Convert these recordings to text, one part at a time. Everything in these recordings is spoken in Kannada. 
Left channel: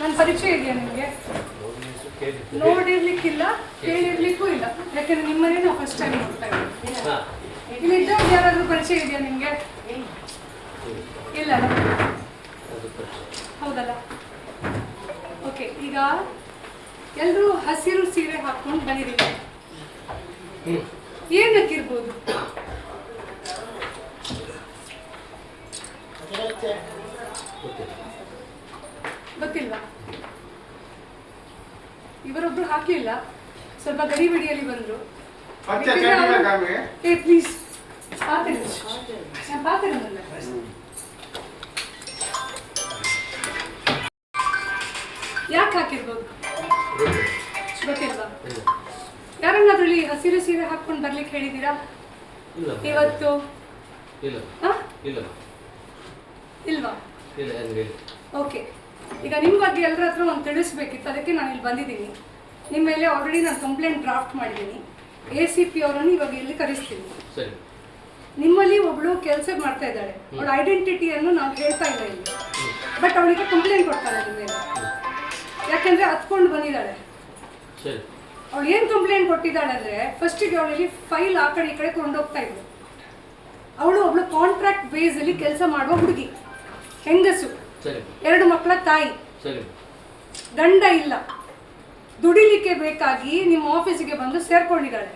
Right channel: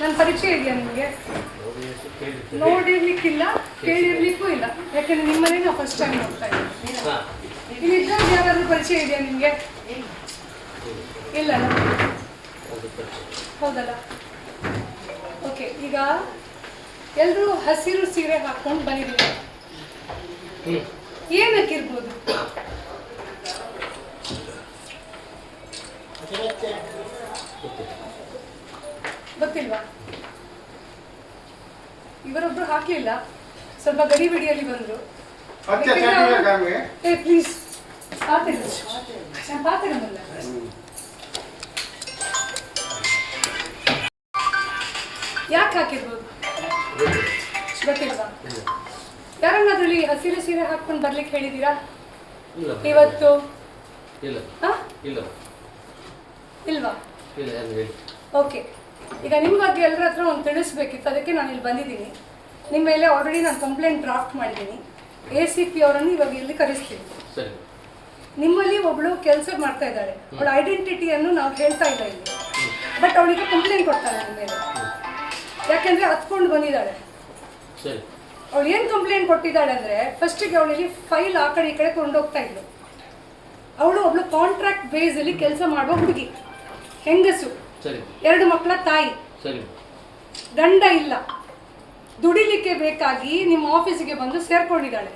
ನನ್ನ ಪರಿಚಯ ಇದೆಯಾ ನಿಮಗೆ? ನೋಡಿರ್ಲಿಕ್ಕಿಲ್ಲ, ಕೇಳಿರ್ಲಿಕ್ಕೂ ಇಲ್ಲ. ಯಾಕಂದ್ರೆ ನಿಮ್ಮನೆ ನಾವು ಫಸ್ಟ್ ಟೈಮ್ ಹೋಗ್ತಾ ಇದ್ದೀವಿ. ಇಲ್ಲಿದ್ದವ್ರು ಯಾರಾದ್ರೂ ಪರಿಚಯ ಇದೆಯಾ ನಿಮಗೆ? ಇಲ್ಲ. ಹೌದಲ್ಲ? ಓಕೆ, ಈಗ ಎಲ್ಲರೂ ಹಸಿರು ಸೀರೆ ಹಾಕೊಂಡು ಬಂದಿದ್ದೀವಿ. ಏನಕ್ಕಿರ್ಬೋದು? ಗೊತ್ತಿಲ್ವಾ? ಇವರೊಬ್ರು ಹಾಕ್ಲಿಲ್ಲ, ಸ್ವಲ್ಪ ಗಡಿಬಿಡಿಯಲ್ಲಿ ಬಂದ್ರು. ಪ್ಲೀಸ್ ಯಾಕೆ ಹಾಕಿರ್ಬೋದು ಗೊತ್ತಿಲ್ವಾ? ಯಾರನ್ನಾದ್ರಲ್ಲಿ ಹಸಿರು ಸೀರೆ ಹಾಕೊಂಡು ಬರ್ಲಿಕ್ಕೆ ಹೇಳಿದ್ದೀರಾ ಇವತ್ತು? ಇಲ್ವಾ? ಓಕೆ, ಈಗ ನಿಮ್ಮ ಬಗ್ಗೆ ಎಲ್ಲರ ಹತ್ರ ಒಂದು ತಿಳಿಸ್ಬೇಕಿತ್ತು, ಅದಕ್ಕೆ ನಾನು ಇಲ್ಲಿ ಬಂದಿದ್ದೀನಿ. ನಿಮ್ಮ ಮೇಲೆ ಆಲ್ರೆಡಿ ನಾನು ಕಂಪ್ಲೇಂಟ್ ಡ್ರಾಫ್ಟ್ ಮಾಡಿದ್ದೀನಿ. ACP ಅವರನ್ನು ಇವಾಗ ಇಲ್ಲಿ ಕರೆಸ್ತೀನಿ. ನಿಮ್ಮಲ್ಲಿ ಒಬ್ಳು ಕೆಲಸ ಮಾಡ್ತಾ ಇದ್ದಾಳೆ, ಅವಳ ಐಡೆಂಟಿಟಿಯನ್ನು ನಾವು ಹೇಳ್ತಾ ಇಲ್ಲ ಇಲ್ಲಿ, ಬಟ್ ಅವಳಿಗೆ ಕಂಪ್ಲೇಂಟ್ ಕೊಡ್ತಾಳೆ ನಿಮ್ಮ ಮೇಲೆ. ಯಾಕಂದ್ರೆ ಹತ್ಕೊಂಡು ಬಂದಿದ್ದಾಳೆ. ಅವಳು ಏನು ಕಂಪ್ಲೇಂಟ್ ಕೊಟ್ಟಿದ್ದಾಳೆ ಅಂದ್ರೆ, ಫಸ್ಟಿಗೆ ಅವಳಿಗೆ ಫೈಲ್ ಆ ಕಡೆ ಈ ಕಡೆ ಕೊಂಡೋಗ್ತಾ ಇದ್ಲು. ಅವಳು ಒಬ್ಳು ಕಾಂಟ್ರಾಕ್ಟ್ ಬೇಸ್ ಅಲ್ಲಿ ಕೆಲಸ ಮಾಡುವ ಹುಡುಗಿ, ಹೆಂಗಸು, 2 ಮಕ್ಕಳ ತಾಯಿ, ಗಂಡ ಇಲ್ಲ, ದುಡಿಲಿಕ್ಕೆ ಬೇಕಾಗಿ ನಿಮ್ಮ ಆಫೀಸಿಗೆ ಬಂದು ಸೇರ್ಕೊಂಡಿದ್ದಾಳೆ.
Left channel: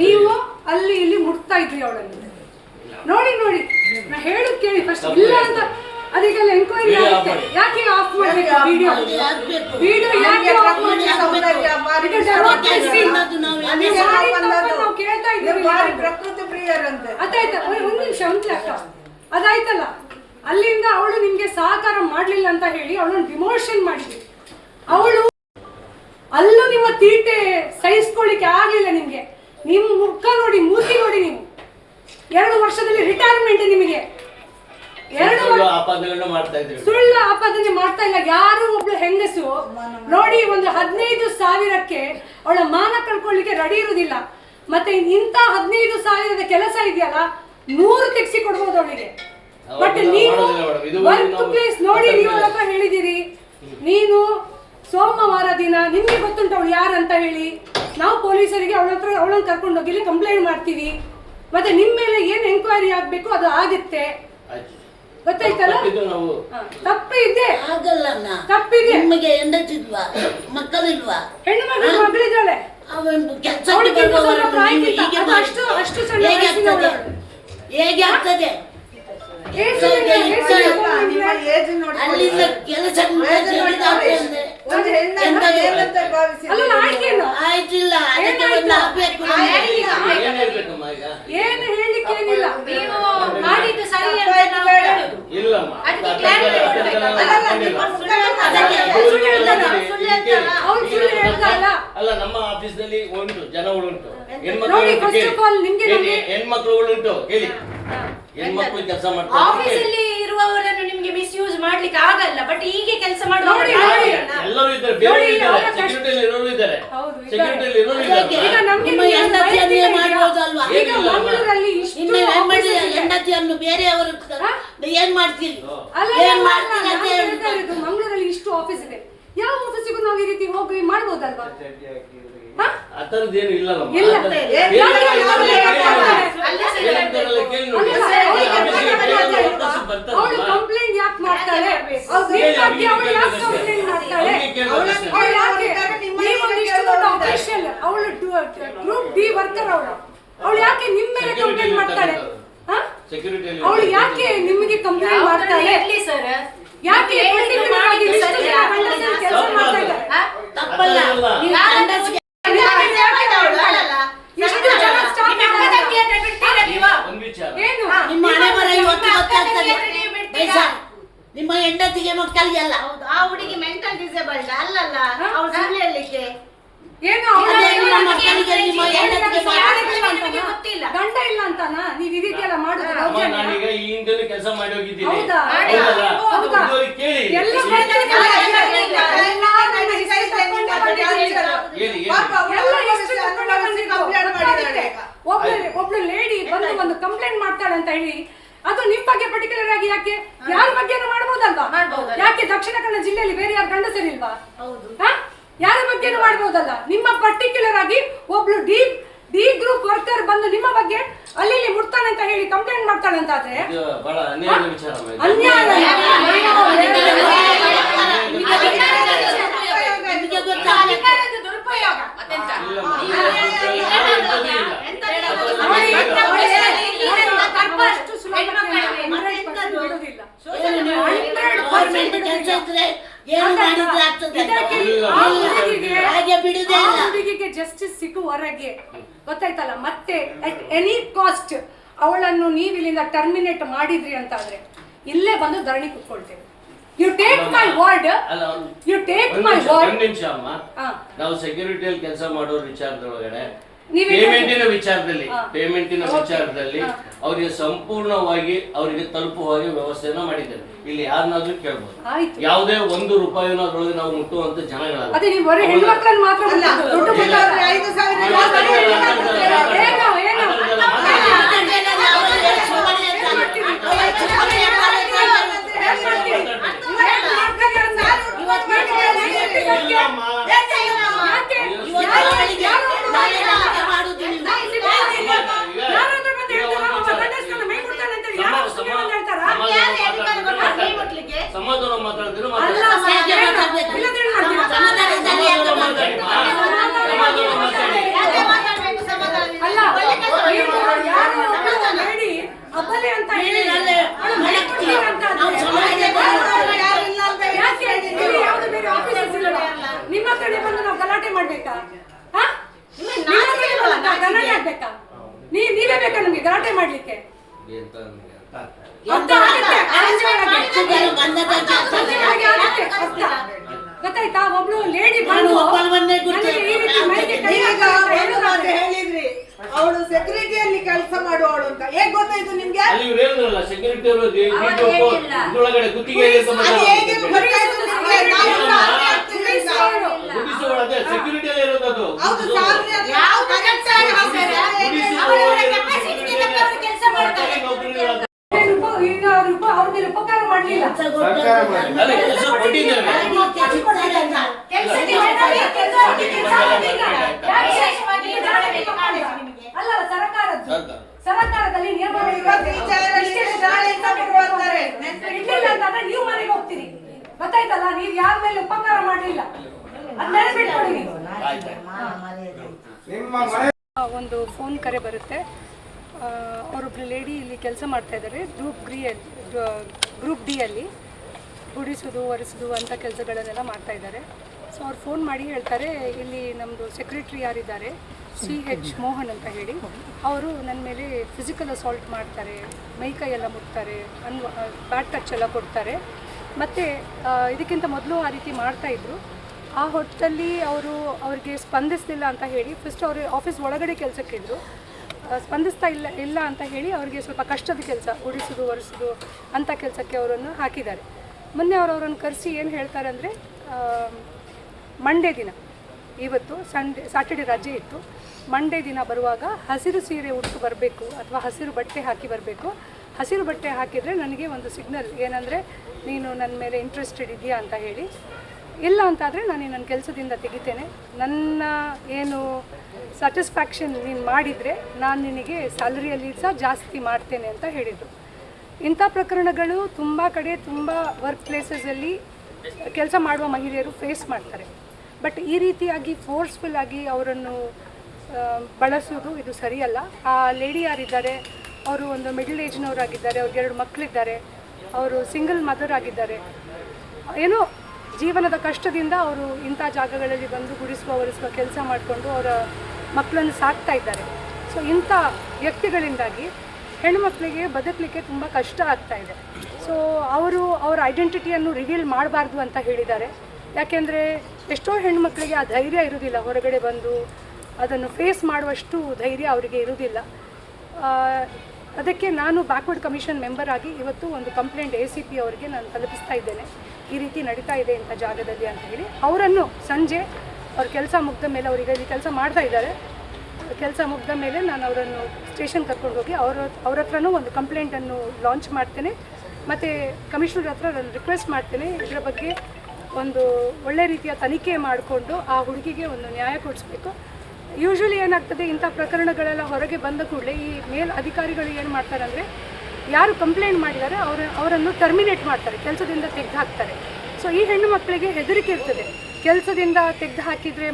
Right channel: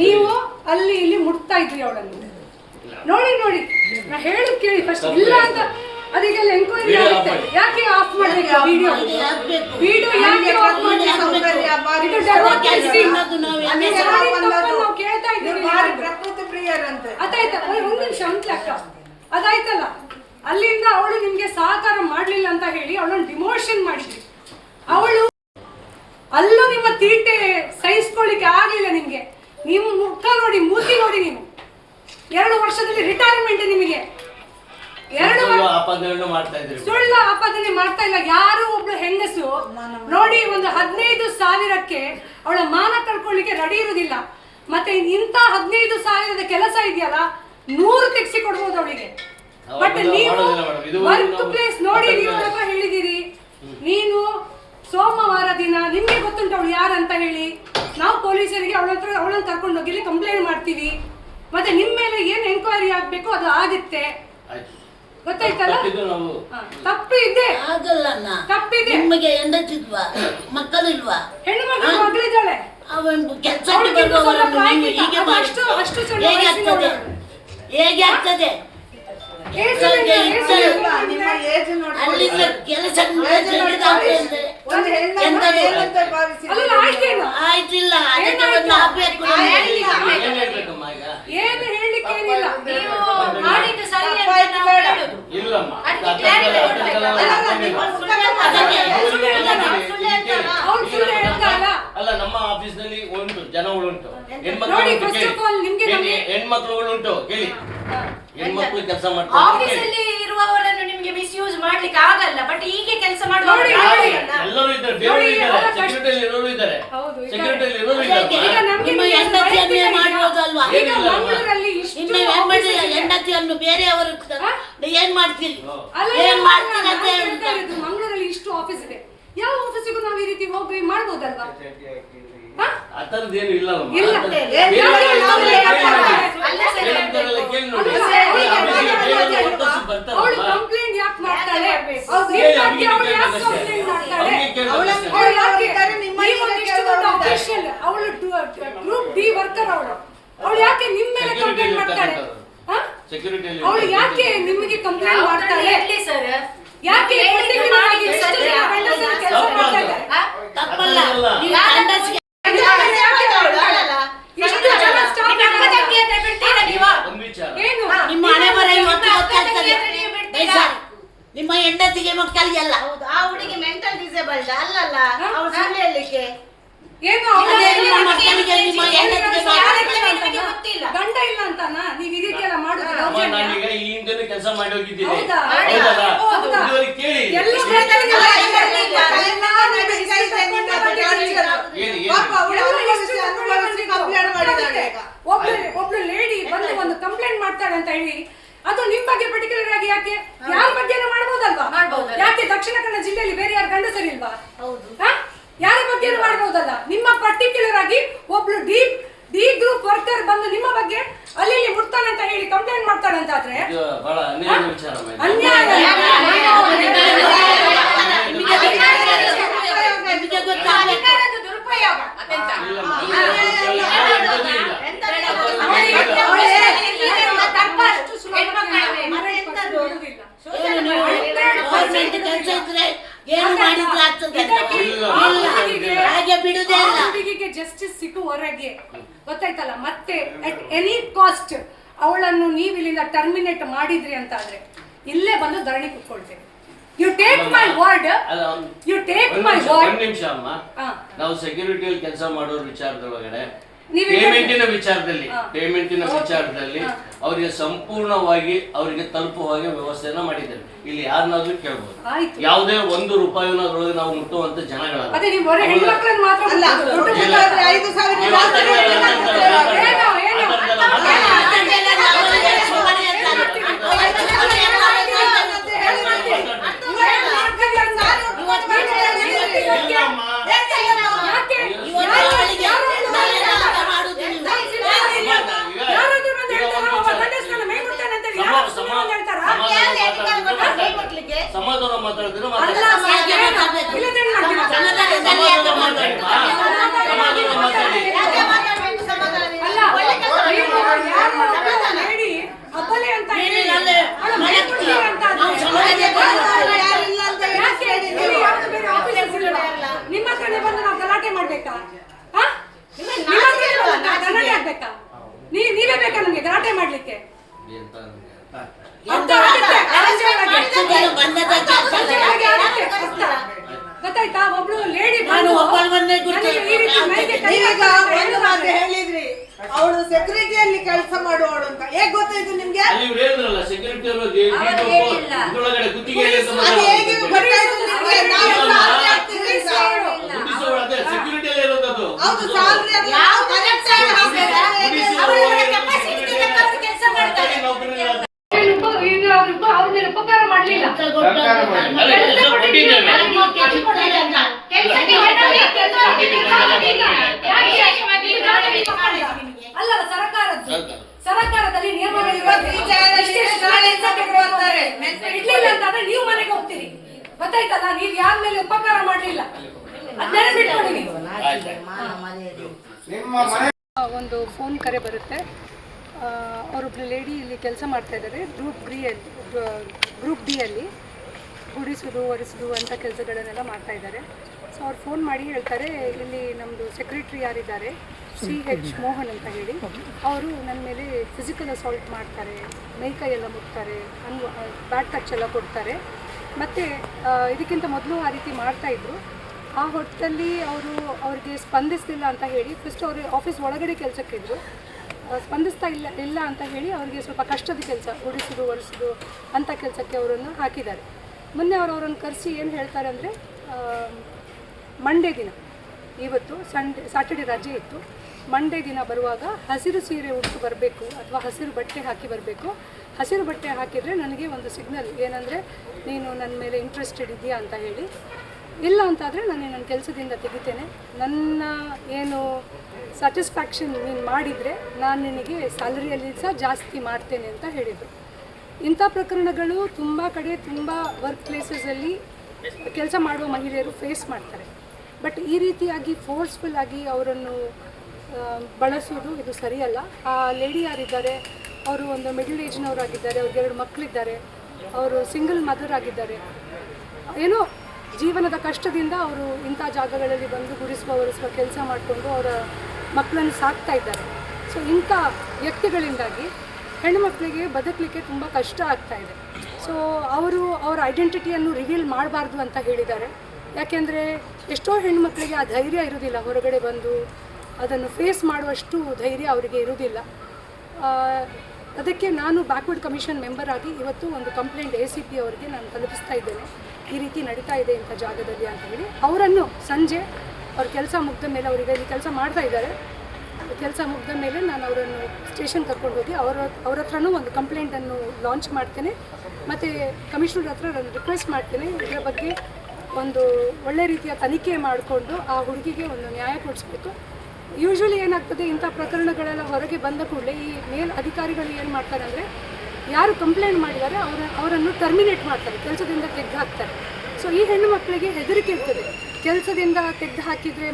ನೀವು ಅಲ್ಲಿ ಇಲ್ಲಿ ಮುಟ್ತಾ ಇದ್ರಿ ಅವಳನ್ನು. ನೋಡಿ ನೋಡಿ, ನಾ ಹೇಳಿ ಕೇಳಿ ಫಸ್ಟ್. ಇಲ್ಲ ಅಂತ ಅದಕ್ಕೆಲ್ಲ ಎಂಕ್ವೈರಿ ಆಗುತ್ತೆ. ಯಾಕೆ ಆಫ್ ಮಾಡಬೇಕು ವಿಡಿಯೋ? ಯಾಕೆ ಆಫ್ ಮಾಡಬೇಕು? ಕೇಳ್ತಾ ಇದ್ದೀವಿ ಪ್ರಕೃತಿ ಪ್ರಿಯರಂತೆ. ಅದಾಯ್ತಾ? ಒಂದು ನಿಮಿಷ ಅಕ್ಕ, ಅದಾಯ್ತಲ್ಲ. ಅಲ್ಲಿಂದ ಅವಳು ನಿಮ್ಗೆ ಸಹಕಾರ ಮಾಡ್ಲಿಲ್ಲ ಅಂತ ಹೇಳಿ ಅವಳನ್ನು ಡಿಮೋಷನ್ ಮಾಡಿದ್ರಿ. ಅವಳು ಅಲ್ಲೂ ನಿಮ್ಮ ತೀಟೆ ಸಹಿಸ್ಕೊಳ್ಳಿಕ್ಕೆ ಆಗ್ಲಿಲ್ಲ ನಿಮ್ಗೆ. ನಿಮ್ ಮುಖ ನೋಡಿ, ಮೂತಿ ನೋಡಿ, ನೀವು 2 ವರ್ಷದಲ್ಲಿ ರಿಟೈರ್ಮೆಂಟ್ ನಿಮಗೆ. 2 ಸುಳ್ಳು ಆಪಾದನೆ ಮಾಡ್ತಾ ಇಲ್ಲ. ಯಾರು ಒಬ್ಳು ಹೆಂಗಸು ನೋಡಿ ಒಂದು 15,000ಕ್ಕೆ ಅವಳ ಮಾನ ಕಳ್ಕೊಳ್ಳಿಕ್ಕೆ ರೆಡಿ ಇರುವುದಿಲ್ಲ. ಮತ್ತೆ ಇಂಥ 15,000ದ ಕೆಲಸ ಇದೆಯಲ್ಲ, 100 ತೆಗ್ಸಿ ಕೊಡ್ಬೋದು ಅವಳಿಗೆ. ಬಟ್ ನೀವು ವರ್ಕ್ ಪ್ಲೇಸ್ ನೋಡಿ, ನೀವು ಹತ್ರ ಹೇಳಿದಿರಿ. ನೀನು ಸೋಮವಾರ ದಿನ ನಿಮ್ಗೆ ಗೊತ್ತುಂಟು ಅವಳು ಯಾರಂತ ಹೇಳಿ. ನಾವು ಪೊಲೀಸರಿಗೆ ಅವಳನ್ನು ಕರ್ಕೊಂಡು ಹೋಗಿ ಕಂಪ್ಲೇಂಟ್ ಮಾಡ್ತೀವಿ. ಮತ್ತೆ ನಿಮ್ಮ ಮೇಲೆ ಏನ್ ಎಂಕ್ವೈರಿ ಆಗ್ಬೇಕು ಅದು ಆಗುತ್ತೆ. ಗೊತ್ತಾಯ್ತಲ್ಲ? ತಪ್ಪು ಇದೆ, ತಪ್ಪಿದೆ. ನಿಮಗೆ ಹೆಂಡತಿಲ್ವಾ? ಮಕ್ಕಳಿಲ್ವಾ? ಹೆಣ್ಣು ಮಗಳಿದ್ದಾಳೆ. ಹೇಗೆ ಆಗ್ತದೆ? ಅಲ್ಲಿಂದ ಕೆಲಸ ಆಯ್ತಿಲ್ಲ, ಅದಕ್ಕೆ ಒಂದು ಹಾಕ್ಬೇಕು. ಏನು ಹೇಳಿಕ್ಕೆ ಏನಿಲ್ಲ. ಮಾಡಿದ್ದು ಸರಿ ಅಂತ ನಾವು ಹೇಳುದು. ಅದಕ್ಕೆ ಕ್ಲಾರಿಟಿ ಕೊಡ್ಬೇಕು. ಅಲ್ಲ, ನಮ್ಮ ಆಫೀಸ್ ನಲ್ಲಿ ಉಂಟು, ಜನಗಳುಂಟು, ಹೆಣ್ಮಕ್ಳುಗಳುಂಟು. ಕೇಳಿ, ಹೆಣ್ಮಕ್ಳು ಕೆಲಸ ಮಾಡ್ತಾರೆ. ಆಫೀಸಲ್ಲಿ ಇರುವವರನ್ನು ನಿಮ್ಗೆ ಮಿಸ್ಯೂಸ್ ಮಾಡ್ಲಿಕ್ಕೆ ಆಗಲ್ಲ. ಬಟ್ ಹೀಗೆ ಕೆಲಸ ಮಾಡುವವರು ಎಲ್ಲರೂ ಇದ್ದಾರೆ, ಬೇರೆ ಇದ್ದಾರೆ, ಸೆಕ್ಯೂರಿಟಿಯಲ್ಲಿ ಇರೋರು ಇದ್ದಾರೆ, ಸೆಕ್ಯೂರಿಟಿಯಲ್ಲಿ ಇರೋರು ಇದ್ದಾರೆ. ನಿಮ್ಮ ಹೆಂಡತಿಯನ್ನೇ ಮಾಡುವುದಲ್ವಾ? ನಿಮ್ಮ ಹೆಂಡತಿಯನ್ನು ಬೇರೆಯವರು ಏನ್ ಮಾಡ್ತೀರಿ? ಏನ್ ಮಾಡ್ತೀರಿ ಅಂತ ಹೇಳುದು. ಮಂಗಳೂರಲ್ಲಿ ಇಷ್ಟು ಆಫೀಸ್ ಇದೆ, ಯಾವ ಆಫೀಸಿಗೂ ನಾವು ಈ ರೀತಿ ಹೋಗಿ ಮಾಡ್ಬೋದಲ್ವಾ? ಅತರದೇನು ಇಲ್ಲ. ಅವಳು ಕಂಪ್ಲೇಂಟ್ ಯಾಕೆ ಮಾಡ್ತಾಳೆ? ಅವಳು ಗ್ರೂಪ್ ಡಿ ವರ್ಕರ್. ಅವಳು ಯಾಕೆ ನಿಮ್ಮ ಮೇಲೆ ಕಂಪ್ಲೇಂಟ್ ಮಾಡ್ತಾಳೆ? ಅವಳು ಯಾಕೆ ನಿಮಗೆ ಕಂಪ್ಲೇಂಟ್ ಮಾಡ್ತಾಳೆ? ಯಾಕೆ ಕೆಲಸ ಮಾಡ್ತಾ ಇದ್ದಾರೆ? ತಪ್ಪಲ್ಲ. ನಿಮ್ಮ ಹಣೆ ಬರ ನಿಮ್ಮ ಹೆಂಡತಿಗೆ ಮಕ್ಕಳಿಗೆಲ್ಲ. ಆ ಹುಡುಗಿ ಮೆಂಟಲ್ ಡಿಸೇಬಲ್ಡ್ ಅಲ್ಲಲ್ಲ, ಅವಳು ಸುಳ್ಳು ಹೇಳಲಿಕ್ಕೆ. ಗಂಡ ಇಲ್ಲ ಅಂತಾನ ನೀವು ಈ ರೀತಿ ಎಲ್ಲ ಮಾಡುದು? ಕೆಲಸ ಮಾಡಿ ಹೋಗಿದ್ದೀನಿ. ಒಬ್ಳು ಲೇಡಿ ಬಂದು ಒಂದು ಕಂಪ್ಲೇಂಟ್ ಮಾಡ್ತಾಳೆ ಅಂತ ಹೇಳಿ, ಅದು ನಿಮ್ ಬಗ್ಗೆ ಪರ್ಟಿಕ್ಯುಲರ್ ಆಗಿ ಯಾಕೆ? ಯಾರ ಬಗ್ಗೆ ಮಾಡ್ಬೋದಲ್ವಾ? ಯಾಕೆ ದಕ್ಷಿಣ ಕನ್ನಡ ಜಿಲ್ಲೆಯಲ್ಲಿ ಬೇರೆ ಯಾರು ಗಂಡಸರಿಲ್ವಾ? ಹೌದು. ಯಾರ ಬಗ್ಗೆ ಮಾಡ್ಬೋದಲ್ಲ. ನಿಮ್ಮ ಪರ್ಟಿಕ್ಯುಲರ್ ಆಗಿ ಒಬ್ಳು ಡಿ ಗ್ರೂಪ್ ವರ್ಕರ್ ಬಂದು ನಿಮ್ಮ ಬಗ್ಗೆ ಅಲ್ಲಿ ಮುಟ್ತಾನೆ ಅಂತ ಹೇಳಿ ಕಂಪ್ಲೇಂಟ್ ಮಾಡ್ತಾಳೆ ಅಂತ ಆದ್ರೆ ಇದು ಬಹಳ ಅನ್ಯಾಯ ವಿಚಾರ ಅಮ್ಮ ಇದು. ಅನ್ಯಾಯ. ನಿಮಗೆ ಗೊತ್ತಾಗಲ್ಲ. ಅಧಿಕಾರದ ದುರುಪಯೋಗ ಅದೆಂತ? ಇಲ್ಲಮ್ಮ. ಗೌರ್ಮೆಂಟ್ ಕೆಲಸ ಇದ್ರೆ ಏನು ಮಾಡಿದ್ರೆ ಆಗ್ತದೆ ಅಂತ. ಹಾಗೆ ಬಿಡುದೇ ಇಲ್ಲ. ಹುಡುಗಿಗೆ ಜಸ್ಟಿಸ್ ಸಿಕ್ಕುವರೆಗೆ ಗೊತ್ತಾಯ್ತಲ್ಲ. ಮತ್ತೆ ಅಟ್ ಎನಿ ಕಾಸ್ಟ್ ಅವಳನ್ನು ನೀವು ಇಲ್ಲಿಂದ ಟರ್ಮಿನೇಟ್ ಮಾಡಿದ್ರಿ ಅಂತ ಆದ್ರೆ ಇಲ್ಲೇ ಬಂದು ಧರಣಿ ಕುತ್ಕೊಳ್ತೇವೆ. You take my word. You take my word. ಒಂದು ನಿಮಿಷ ಅಮ್ಮ, ನಾವು ಸೆಕ್ಯೂರಿಟಿಯಲ್ಲಿ ಕೆಲಸ ಮಾಡೋ ವಿಚಾರದೊಳಗಡೆ ಪೇಮೆಂಟಿನ ವಿಚಾರದಲ್ಲಿ ಅವರಿಗೆ ಸಂಪೂರ್ಣವಾಗಿ ಅವರಿಗೆ ತಲುಪುವ ವ್ಯವಸ್ಥೆಯನ್ನ ಮಾಡಿದ್ದೇವೆ. ಇಲ್ಲಿ ಯಾರನ್ನಾದ್ರೂ ಕೇಳ್ಬೋದು. ಯಾವುದೇ ₹1 ಅದರೊಳಗೆ ನಾವು ಮುಟ್ಟುವಂತ ಜನಗಳಲ್ಲ. ಅದೇ ನೀವು ಬರೀ ಹೆಣ್ಮಕ್ಳನ್ನ ಮಾತ್ರ ಅಲ್ಲ. ದುಡ್ಡು ಮುಟ್ಟಾದ್ರೆ 5,000 ಸಮಾಧಾನ ಮಾತಾಡಿದ್ರೆ ನಿಮ್ಮ ಕಡೆ ಬಂದು ನಾವು ಗಲಾಟೆ ಮಾಡ್ಬೇಕಾ? ಗಲಾಟೆ ಆಗ್ಬೇಕಾ? ನೀವೇ ಬೇಕಾ ನಮ್ಗೆ ಗಲಾಟೆ ಮಾಡ್ಲಿಕ್ಕೆ? ಗೊತ್ತಾಯ್ತಾ? ಒಬ್ಳು ಲೇಡಿ ಹೇಳಿದ್ರಿ ಅವಳು ಸೆಕ್ಯೂರಿಟಿಯಲ್ಲಿ ಕೆಲಸ ಮಾಡುವವಳು ಅಂತ. ಹೇಗ್ ಗೊತ್ತಾಯ್ತು ನಿಮ್ಗೆ? ಸೆಕ್ಯೂರಿಟಿ ಇದ್ರೊಳಗಡೆ ಗುತ್ತಿಗೆ ಸೆಕ್ಯೂರಿಟಿಯಲ್ಲಿ ಇರೋದು. ಅವ್ರಿಗೆ ಉಪಕಾರ ಮಾಡ್ಲಿಲ್ಲ. ಅಲ್ಲ ಸರ್ಕಾರದಲ್ಲಿ ನಿಯಮಗಳಿಲ್ಲ ಅಂತಂದ್ರೆ ನೀವು ಮನೆಗೆ ಹೋಗ್ತೀರಿ. ಗೊತ್ತಾಯ್ತಲ್ಲ? ನೀವ್ ಯಾರ ಮೇಲೆ ಉಪಕಾರ ಮಾಡ್ಲಿಲ್ಲ ಅದ್ ನೆನಪಿಟ್ಕೊಳ್ಳಿ ನೀವು. ಒಂದು ಫೋನ್ ಕರೆ ಬರುತ್ತೆ. ಅವರೊಬ್ರು ಲೇಡಿ ಇಲ್ಲಿ ಕೆಲಸ ಮಾಡ್ತಾ ಇದ್ದಾರೆ ಗ್ರೂಪ್ ಡಿ ಅಲ್ಲಿ ಗುಡಿಸೋದು ಒರೆಸೋದು ಅಂಥ ಕೆಲಸಗಳನ್ನೆಲ್ಲ ಮಾಡ್ತಾ ಇದ್ದಾರೆ. ಸೊ ಅವ್ರು ಫೋನ್ ಮಾಡಿ ಹೇಳ್ತಾರೆ, ಇಲ್ಲಿ ನಮ್ಮದು ಸೆಕ್ರೆಟ್ರಿ ಯಾರಿದ್ದಾರೆ CH ಮೋಹನ್ ಅಂತ ಹೇಳಿ, ಅವರು ನನ್ನ ಮೇಲೆ ಫಿಸಿಕಲ್ ಅಸಾಲ್ಟ್ ಮಾಡ್ತಾರೆ, ಮೈಕೈ ಎಲ್ಲ ಮುಟ್ತಾರೆ, ಬ್ಯಾಡ್ ಟಚ್ ಎಲ್ಲ ಕೊಡ್ತಾರೆ. ಮತ್ತು ಇದಕ್ಕಿಂತ ಮೊದಲು ಆ ರೀತಿ ಮಾಡ್ತಾಯಿದ್ರು. ಆ ಹೊತ್ತಲ್ಲಿ ಅವ್ರಿಗೆ ಸ್ಪಂದಿಸಲಿಲ್ಲ ಅಂತ ಹೇಳಿ ಫಸ್ಟ್ ಅವರು ಆಫೀಸ್ ಒಳಗಡೆ ಕೆಲಸಕ್ಕಿದ್ರು. ಸ್ಪಂದಿಸ್ತಾ ಇಲ್ಲ ಅಂತ ಹೇಳಿ ಅವರಿಗೆ ಸ್ವಲ್ಪ ಕಷ್ಟದ ಕೆಲಸ, ಗುಡಿಸೋದು ಒರೆಸೋದು ಅಂಥ ಕೆಲಸಕ್ಕೆ ಅವರನ್ನು ಹಾಕಿದ್ದಾರೆ. ಮೊನ್ನೆ ಅವರನ್ನು ಕರೆಸಿ ಏನು ಹೇಳ್ತಾರೆ ಅಂದರೆ, ಮಂಡೇ ದಿನ, ಇವತ್ತು ಸ್ಯಾಟರ್ಡೆ ರಜೆ ಇತ್ತು, ಮಂಡೇ ದಿನ ಬರುವಾಗ ಹಸಿರು ಸೀರೆ ಉಟ್ಟು ಬರಬೇಕು ಅಥವಾ ಹಸಿರು ಬಟ್ಟೆ ಹಾಕಿ ಬರಬೇಕು. ಹಸಿರು ಬಟ್ಟೆ ಹಾಕಿದರೆ ನನಗೆ ಒಂದು ಸಿಗ್ನಲ್ ಏನಂದರೆ ನೀನು ನನ್ನ ಮೇಲೆ ಇಂಟ್ರೆಸ್ಟೆಡ್ ಇದೆಯಾ ಅಂತ ಹೇಳಿ. ಇಲ್ಲ ಅಂತಾದರೆ ನಾನು ನನ್ನ ಕೆಲಸದಿಂದ ತೆಗಿತೇನೆ, ನನ್ನ ಏನು ಸ್ಯಾಟಿಸ್ಫ್ಯಾಕ್ಷನ್ ನೀನು ಮಾಡಿದರೆ ನಾನು ನಿನಗೆ ಸ್ಯಾಲರಿಯಲ್ಲಿ ಸಹ ಜಾಸ್ತಿ ಮಾಡ್ತೇನೆ ಅಂತ ಹೇಳಿದರು. ಇಂಥ ಪ್ರಕರಣಗಳು ತುಂಬ ಕಡೆ, ತುಂಬ ವರ್ಕ್ ಪ್ಲೇಸಸಲ್ಲಿ ಕೆಲಸ ಮಾಡುವ ಮಹಿಳೆಯರು ಫೇಸ್ ಮಾಡ್ತಾರೆ. ಬಟ್ ಈ ರೀತಿಯಾಗಿ ಫೋರ್ಸ್ಫುಲ್ಲಾಗಿ ಅವರನ್ನು ಬಳಸೋದು ಇದು ಸರಿಯಲ್ಲ. ಆ ಲೇಡಿ ಯಾರಿದ್ದಾರೆ ಅವರು ಒಂದು ಮಿಡಲ್ ಏಜ್ನವರಾಗಿದ್ದಾರೆ, ಅವ್ರಿಗೆ 2 ಮಕ್ಕಳಿದ್ದಾರೆ, ಅವರು ಸಿಂಗಲ್ ಮದರ್ ಆಗಿದ್ದಾರೆ. ಏನೋ ಜೀವನದ ಕಷ್ಟದಿಂದ ಅವರು ಇಂಥ ಜಾಗಗಳಲ್ಲಿ ಬಂದು ಗುಡಿಸುವ ಒರೆಸುವ ಕೆಲಸ ಮಾಡಿಕೊಂಡು ಅವರ ಮಕ್ಕಳನ್ನು ಸಾಕ್ತಾ ಇದ್ದಾರೆ. ಸೊ ಇಂಥ ವ್ಯಕ್ತಿಗಳಿಂದಾಗಿ ಹೆಣ್ಣುಮಕ್ಕಳಿಗೆ ಬದುಕಲಿಕ್ಕೆ ತುಂಬ ಕಷ್ಟ ಆಗ್ತಾ ಇದೆ. ಸೊ ಅವರ ಐಡೆಂಟಿಟಿಯನ್ನು ರಿವೀಲ್ ಮಾಡಬಾರ್ದು ಅಂತ ಹೇಳಿದ್ದಾರೆ. ಯಾಕೆಂದರೆ ಎಷ್ಟೋ ಹೆಣ್ಣುಮಕ್ಕಳಿಗೆ ಆ ಧೈರ್ಯ ಇರೋದಿಲ್ಲ, ಹೊರಗಡೆ ಬಂದು ಅದನ್ನು ಫೇಸ್ ಮಾಡುವಷ್ಟು ಧೈರ್ಯ ಅವರಿಗೆ ಇರೋದಿಲ್ಲ. ಅದಕ್ಕೆ ನಾನು ಬ್ಯಾಕ್ವರ್ಡ್ ಕಮಿಷನ್ ಮೆಂಬರ್ ಆಗಿ ಇವತ್ತು ಒಂದು ಕಂಪ್ಲೇಂಟ್ ACP ಅವರಿಗೆ ನಾನು ತಲುಪಿಸ್ತಾ ಇದ್ದೇನೆ, ಈ ರೀತಿ ನಡೀತಾ ಇದೆ ಇಂಥ ಜಾಗದಲ್ಲಿ ಅಂತ ಹೇಳಿ. ಅವರನ್ನು ಸಂಜೆ ಅವ್ರ ಕೆಲಸ ಮುಗಿದ ಮೇಲೆ, ಅವರಿಗೆ ಇಲ್ಲಿ ಕೆಲಸ ಮಾಡ್ತಾ ಇದ್ದಾರೆ, ಕೆಲಸ ಮುಗಿದ ಮೇಲೆ ನಾನು ಅವರನ್ನು ಸ್ಟೇಷನ್ ಕರ್ಕೊಂಡು ಹೋಗಿ ಅವ್ರ ಹತ್ರನೂ ಒಂದು ಕಂಪ್ಲೇಂಟನ್ನು ಲಾಂಚ್ ಮಾಡ್ತೇನೆ. ಮತ್ತು ಕಮಿಷನರ್ ಹತ್ರ ನಾನು ರಿಕ್ವೆಸ್ಟ್ ಮಾಡ್ತೀನಿ, ಇದರ ಬಗ್ಗೆ ಒಂದು ಒಳ್ಳೆ ರೀತಿಯ ತನಿಖೆ ಮಾಡಿಕೊಂಡು ಆ ಹುಡುಗಿಗೆ ಒಂದು ನ್ಯಾಯ ಕೊಡಿಸ್ಬೇಕು. ಯೂಶ್ವಲಿ ಏನಾಗ್ತದೆ, ಇಂಥ ಪ್ರಕರಣಗಳೆಲ್ಲ ಹೊರಗೆ ಬಂದ ಕೂಡಲೇ ಈ ಮೇಲ್ ಅಧಿಕಾರಿಗಳು ಏನು ಮಾಡ್ತಾರೆ ಅಂದರೆ, ಯಾರು ಕಂಪ್ಲೇಂಟ್ ಮಾಡಿದ್ದಾರೆ ಅವರನ್ನು ಟರ್ಮಿನೇಟ್ ಮಾಡ್ತಾರೆ, ಕೆಲಸದಿಂದ ತೆಗೆದು ಹಾಕ್ತಾರೆ. ಸೊ ಈ ಹೆಣ್ಣು ಮಕ್ಕಳಿಗೆ ಹೆದರಿಕೆ ಇರ್ತದೆ, ಕೆಲಸದಿಂದ ತೆಗೆದು ಹಾಕಿದರೆ